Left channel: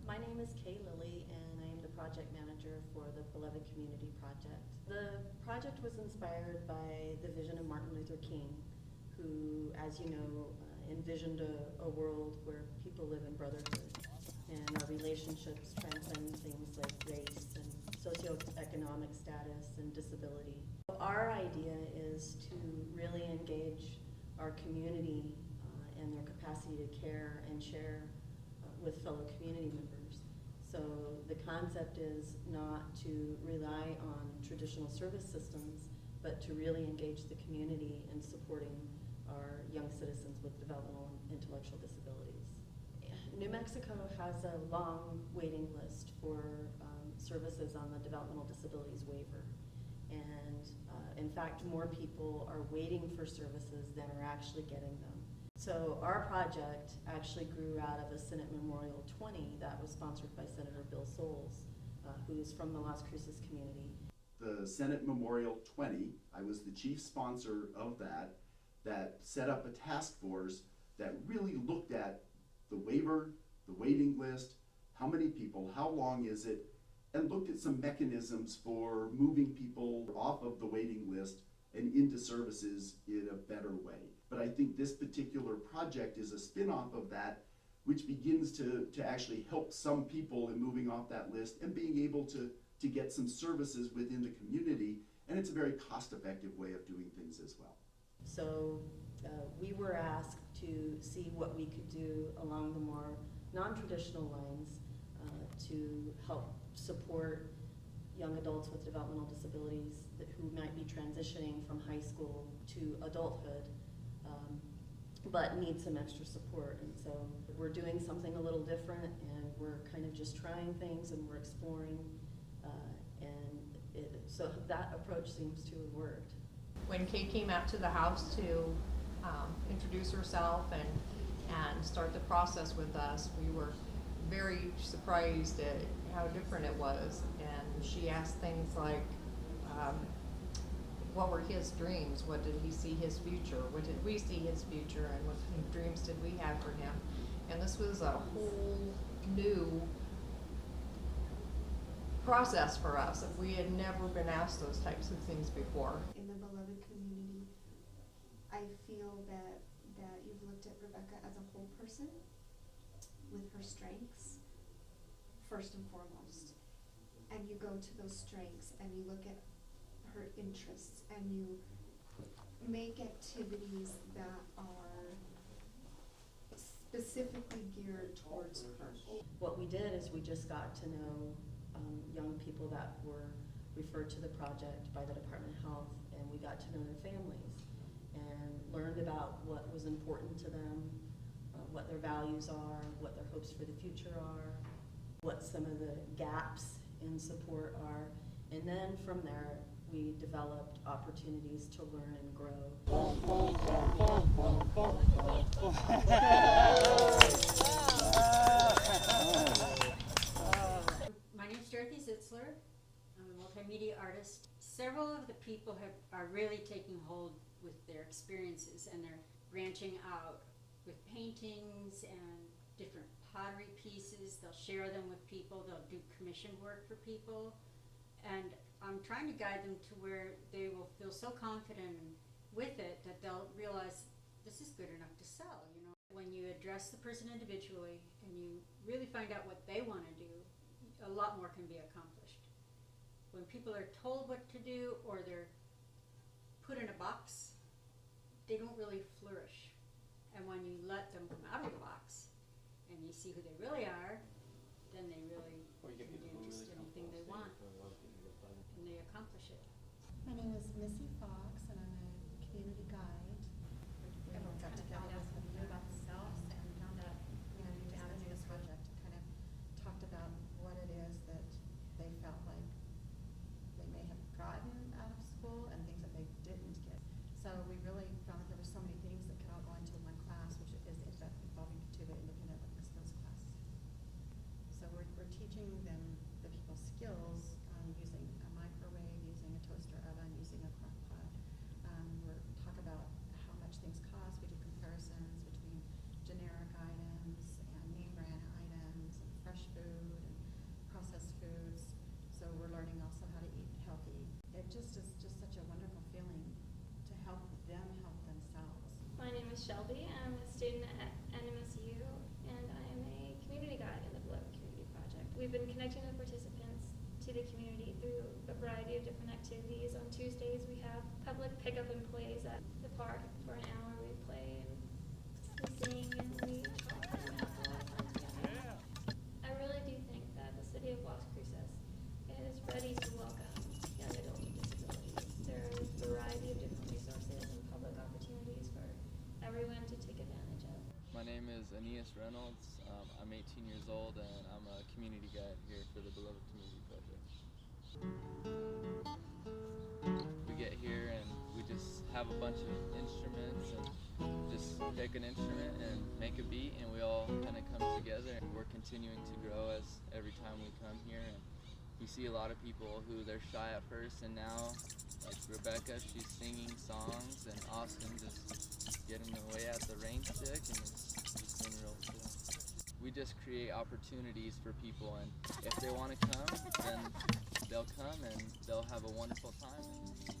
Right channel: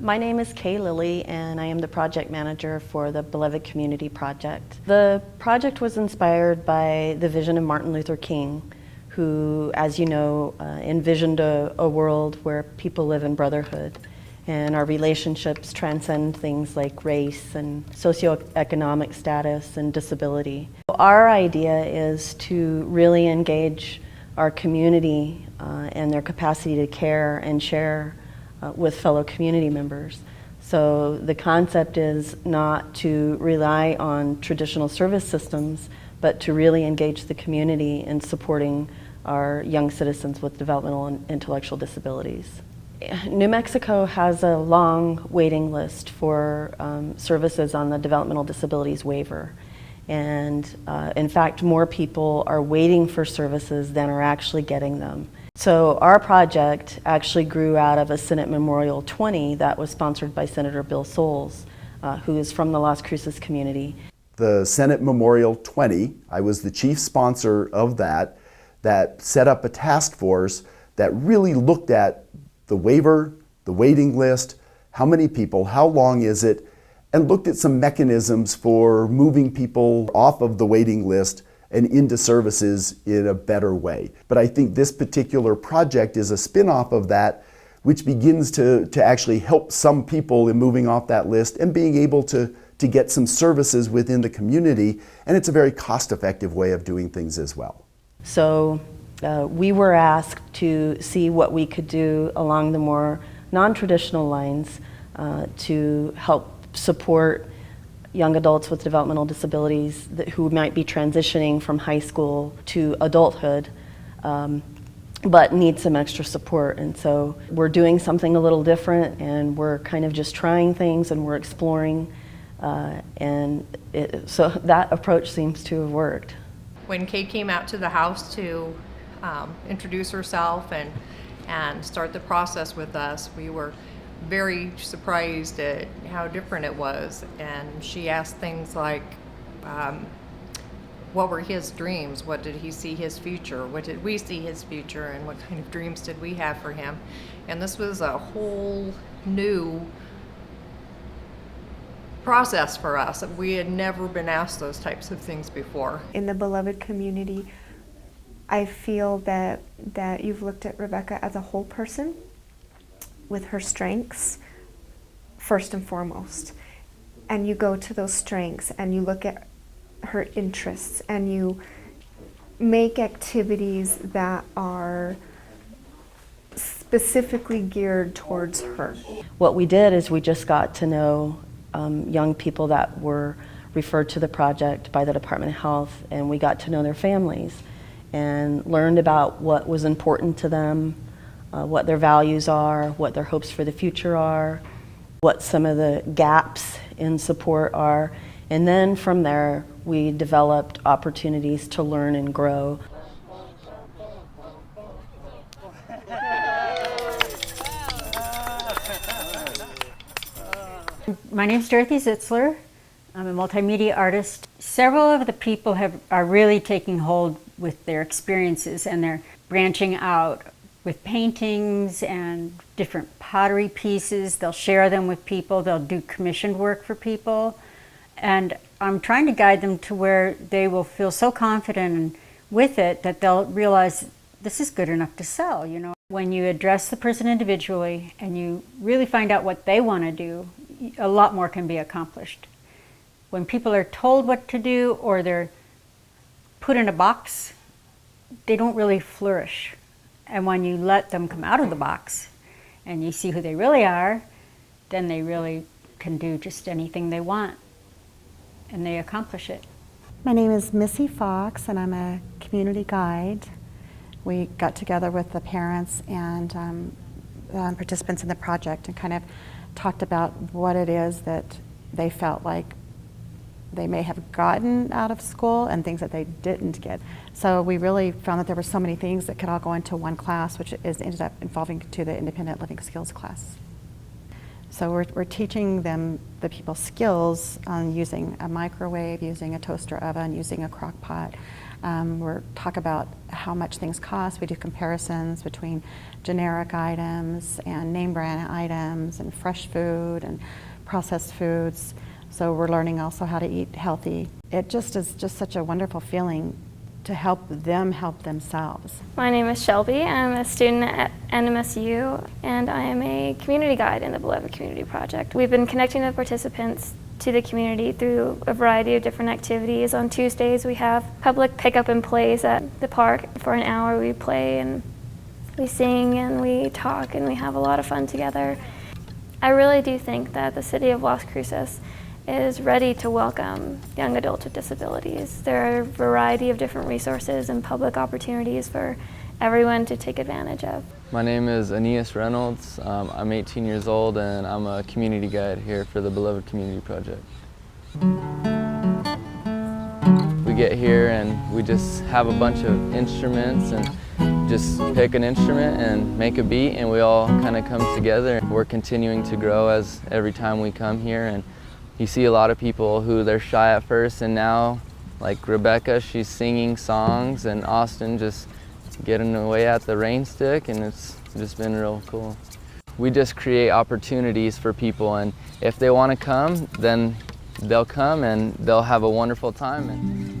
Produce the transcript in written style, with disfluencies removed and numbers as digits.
My name is Kay Lilley, and I am the project manager for the Beloved Community Project. The project was inspired by the vision of Martin Luther King, who, as you know, envisioned a world where people live in brotherhood and our relationships transcend things like race and socioeconomic status and disability. Our idea is to really engage our community and their capacity to care and share with fellow community members. So the concept is not to rely on traditional service systems, but to really engage the community in supporting our young citizens with developmental and intellectual disabilities. New Mexico has a long waiting list for services on the developmental disabilities waiver. And in fact, more people are waiting for services than are actually getting them. So our project actually grew out of a Senate Memorial 20 that was sponsored by Senator Bill Soules, who is from the Las Cruces community. The Senate Memorial 20, I was the chief sponsor of that set up a task force that really looked at the waiver, the waiting list, how many people, how long is it, and looked at some mechanisms for moving people off of the waiting list and into services in a better way. But I think this particular project is a spin-off of that, which begins to actually help some people in moving off that list and being able to get some services within the community, and it's a very cost-effective way of doing things as well. So we were asked to see what we could do along the more non-traditional lines to help support young adults with developmental disabilities who might be transitioning from high school to adulthood, but need some extra support. And so we're doing something a little different, and we're kind of just trying things, and we're exploring, so that approach seems to have worked. When Kay came out to the house to introduce herself and start the process with us, we were very surprised at how different it was. And she asked things like, what were his dreams? What did he see his future? What did we see his future? And what kind of dreams did we have for him? And this was a whole new process for us. We had never been asked those types of things before. In the Beloved community, I feel that you've looked at Rebecca as a whole person with her strengths first and foremost. And you go to those strengths and you look at her interests and you make activities that are specifically geared towards her. What we did is we just got to know young people that were referred to the project by the Department of Health, and we got to know their families and learned about what was important to them, what their values are, what their hopes for the future are, what some of the gaps in support are. And then from there, we developed opportunities to learn and grow. My name's Dorothy Zitzler. I'm a multimedia artist. Several of the people are really taking hold with their experiences, and they're branching out with paintings and different pottery pieces. They'll share them with people. They'll do commissioned work for people. And I'm trying to guide them to where they will feel so confident with it that they'll realize this is good enough to sell, you know. When you address the person individually and you really find out what they want to do, a lot more can be accomplished. When people are told what to do or they're put in a box, they don't really flourish. And when you let them come out of the box and you see who they really are, then they really can do just anything they want, and they accomplish it. My name is Missy Fox, and I'm a community guide. We got together with the parents and participants in the project and kind of talked about what it is that they felt like they may have gotten out of school and things that they didn't get. So we really found that there were so many things that could all go into one class, which ended up involving to the independent living skills class. So we're teaching them, the people, skills on using a microwave, using a toaster oven, using a crock pot. We're talk about how much things cost. We do comparisons between generic items and name brand items and fresh food and processed foods. So we're learning also how to eat healthy. It just is just such a wonderful feeling to help them help themselves. My name is Shelby. I'm a student at NMSU, and I am a community guide in the Beloved Community Project. We've been connecting the participants to the community through a variety of different activities. On Tuesdays, we have public pickup and plays at the park. For an hour, we play and we sing and we talk and we have a lot of fun together. I really do think that the city of Las Cruces is ready to welcome young adults with disabilities. There are a variety of different resources and public opportunities for everyone to take advantage of. My name is Aeneas Reynolds. I'm 18 years old and I'm a community guide here for the Beloved Community Project. We get here and we just have a bunch of instruments and just pick an instrument and make a beat, and we all kind of come together. We're continuing to grow as every time we come here, and you see a lot of people who they're shy at first, and now, like Rebecca, she's singing songs, and Austin just getting away at the rain stick, and it's just been real cool. We just create opportunities for people, and if they want to come, then they'll come and they'll have a wonderful time.